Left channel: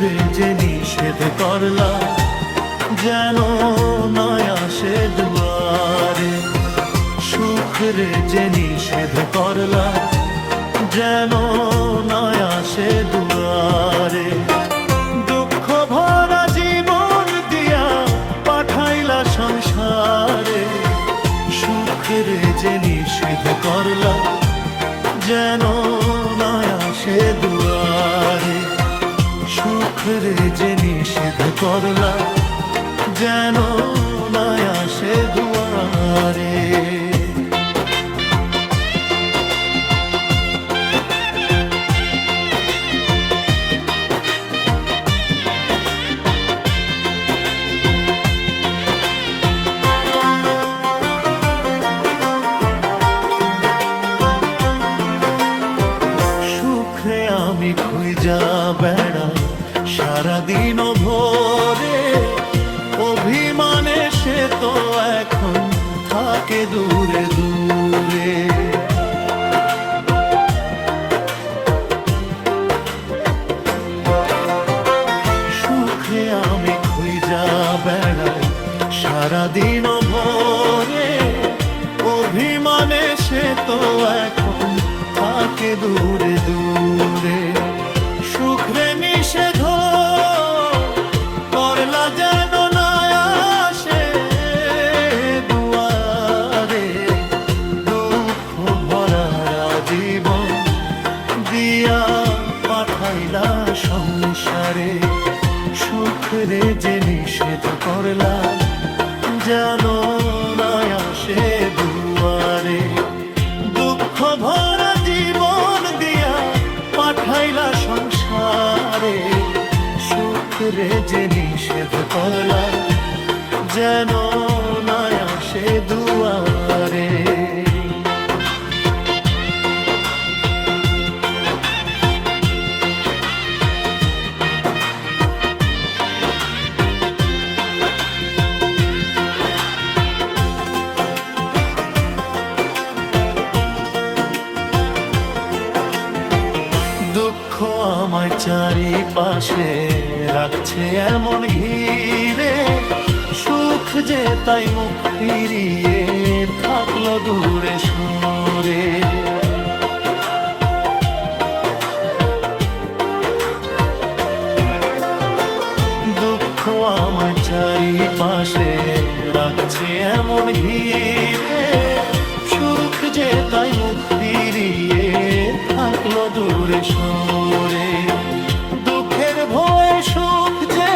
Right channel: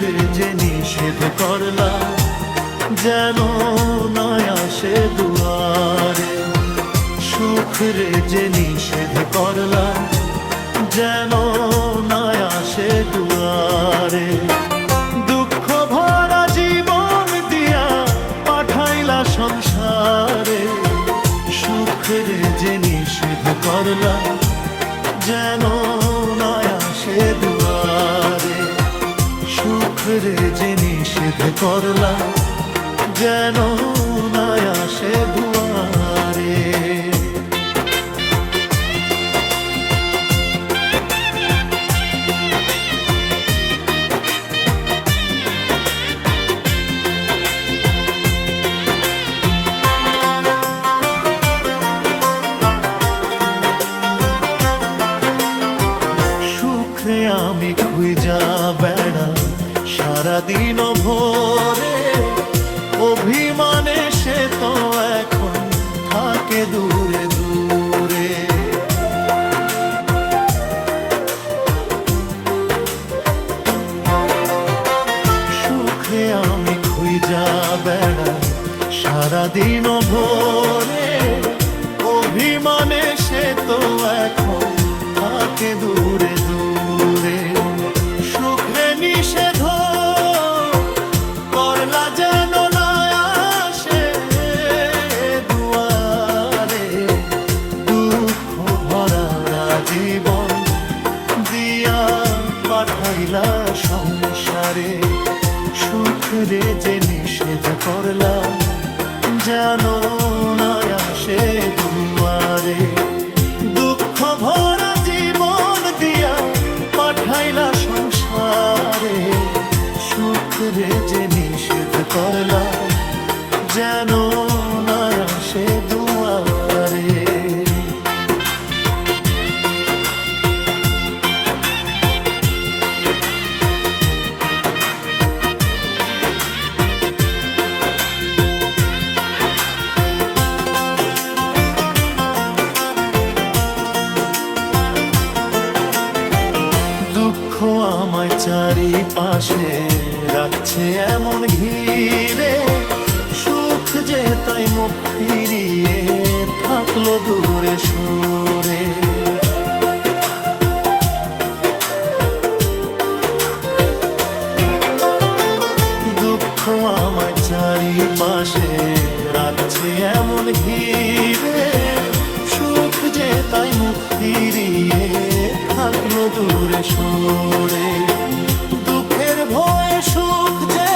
রে যে নিষেধ করলা, যেন নয় আসে দুয়ারে। সুখ রে যে নিষেধ করলা, যেন নয় আসে দুয়ারে। দুঃখ ভরা জীবন দিয়া পাঠাইলা সংসারে। সুখ রে যে নিষেধ করলা, যেন নয় আসে দুয়ারে। সুখ রে যে নিষেধ করলা, যেন নয় আসে দুয়ারে। সুখে আমি খুঁজা বেড়াই সারাদিন ভোরে। অভিমানে সে তো এখন থাকে দূরে দূরে। সুখে আমি খুঁজা বেড়াই সারাদিন ভোরে। অভিমানে সে তো এখন থাকে দূরে দূরে। সুখ রে নিষেধ করলা, যেন না আসে দুয়ারে। দুঃখ ভরা জীবন দিয়া পাঠাইলা সংসারে। সুখ রে যে নিষেধ করলা, যেন না আসে দুয়ারে। দুঃখ ভরা জীবন দিয়া পাঠাইলা সংসারে। সুখ রে যে নিষেধ করলা, যেন না আসে দুয়ারে। দুঃখ আমায় চারিপাশে রাখছে এমন ঘিরে। সুখ যে তাই মুখ ফিরিয়ে থাকলো দূরে সরে। দুঃখ আমায় চারিপাশে রাখছে এমন ঘিরে। সুখ যে তাই মুখ ফিরিয়ে থাকলো দূরে সরে। দুঃখের ভয়ে সুখ যে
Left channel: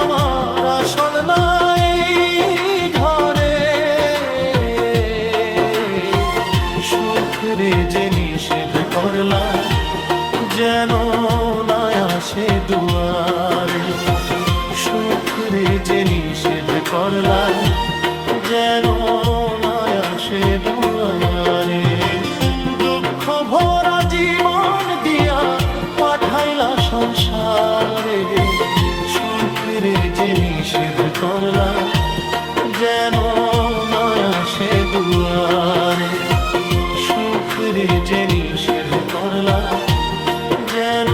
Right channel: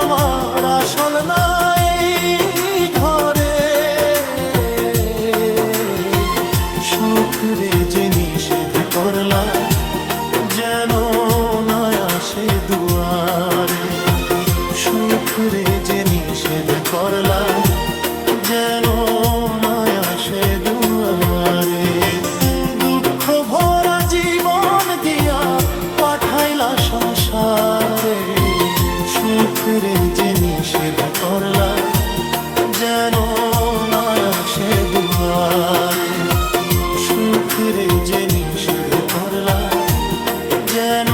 আমার আসল না এই ঘরে। সুখ রে যে নিষেধ করলা, যেন না আসে দুয়ারে। সুখ রে যে নিষেধ করলা, যেন না আসে দুয়ারে। দুঃখ ভরা জীবন দিয়া পাঠাইলা সংসারে। সুখ রে যে নিষেধ করলা, যেন না আসে দুয়ারে। সুখ রে যে নিষেধ করলা, যেন